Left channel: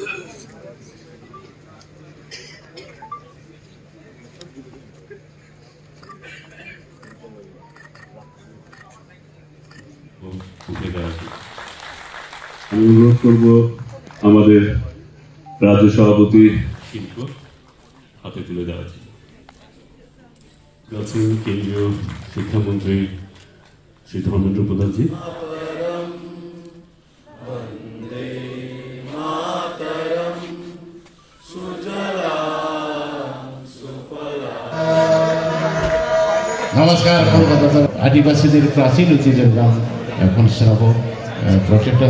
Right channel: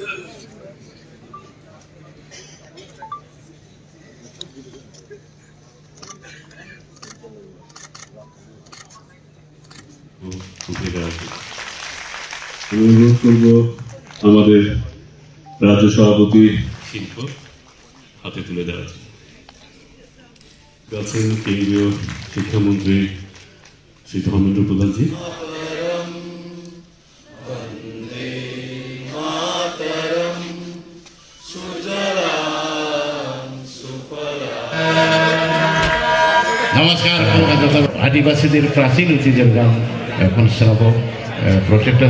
আমি অনুরোধ করব আমাদের রাজ্য সভাপতি শিল্প হাতে তুলে দেওয়া আছেন কেন্দ্রীয় শিক্ষামন্ত্রী শ্রী ধর্মেন্দ্র প্রধানজি। নমস্কার। কলকাতা আদিবাসীদের প্রাচীন ঐতিহ্যের গান এখন শ্রাব প্রত্যেকটা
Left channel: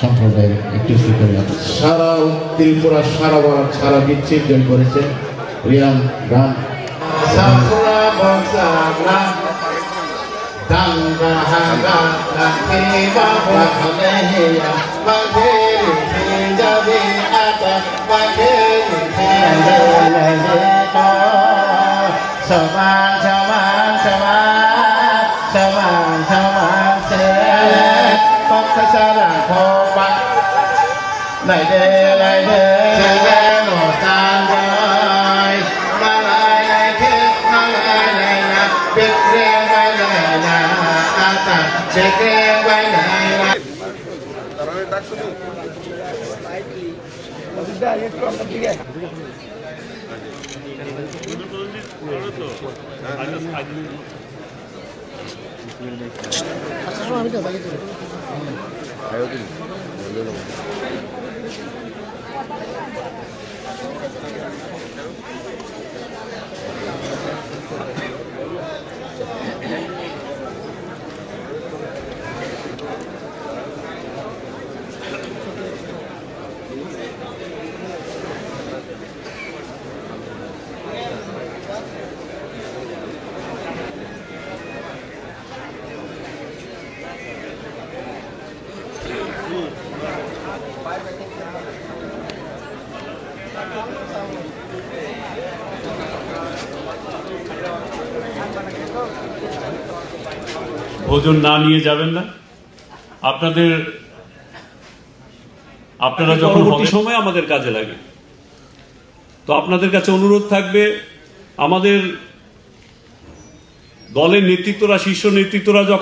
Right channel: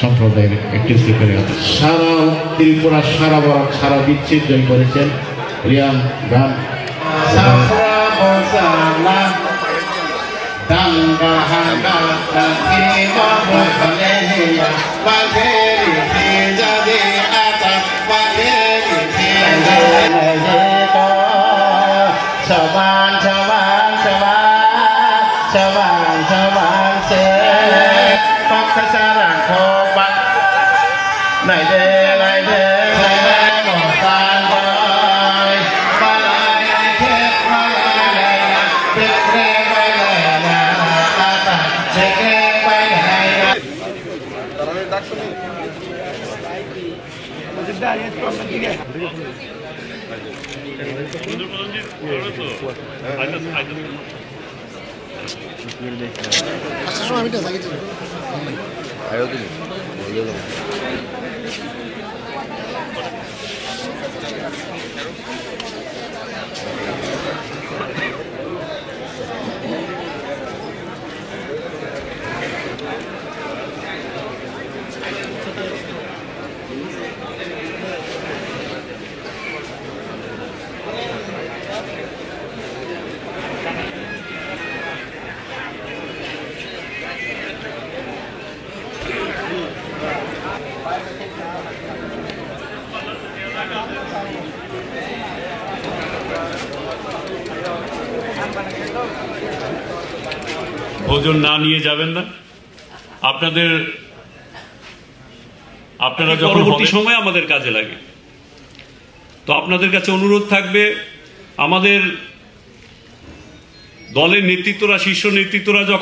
সম্প্রদায়ের একটি করে আছে। সারা ত্রিপুরা সারা বরাক সারা বিচ্ছিন্ন জয় করেছেন রিয়ান গান। Này đê lại đê một tan đôi ba lại khép ba lại là biết nghe ba lại là ta sẽ nghe ba lại là আচ্ছা সময় আমি তো জানি তো আয়ো দিন বললো ভোজন না নিয়ে যাবেন না। আপনারা যখন পরবর্তী সময় আমাদের কাজে লাগে, তো আপনাদের কাছে অনুরোধ থাকবে আমাদের দলের নেতৃত্বরা শীর্ষ নেতৃত্বরা যখন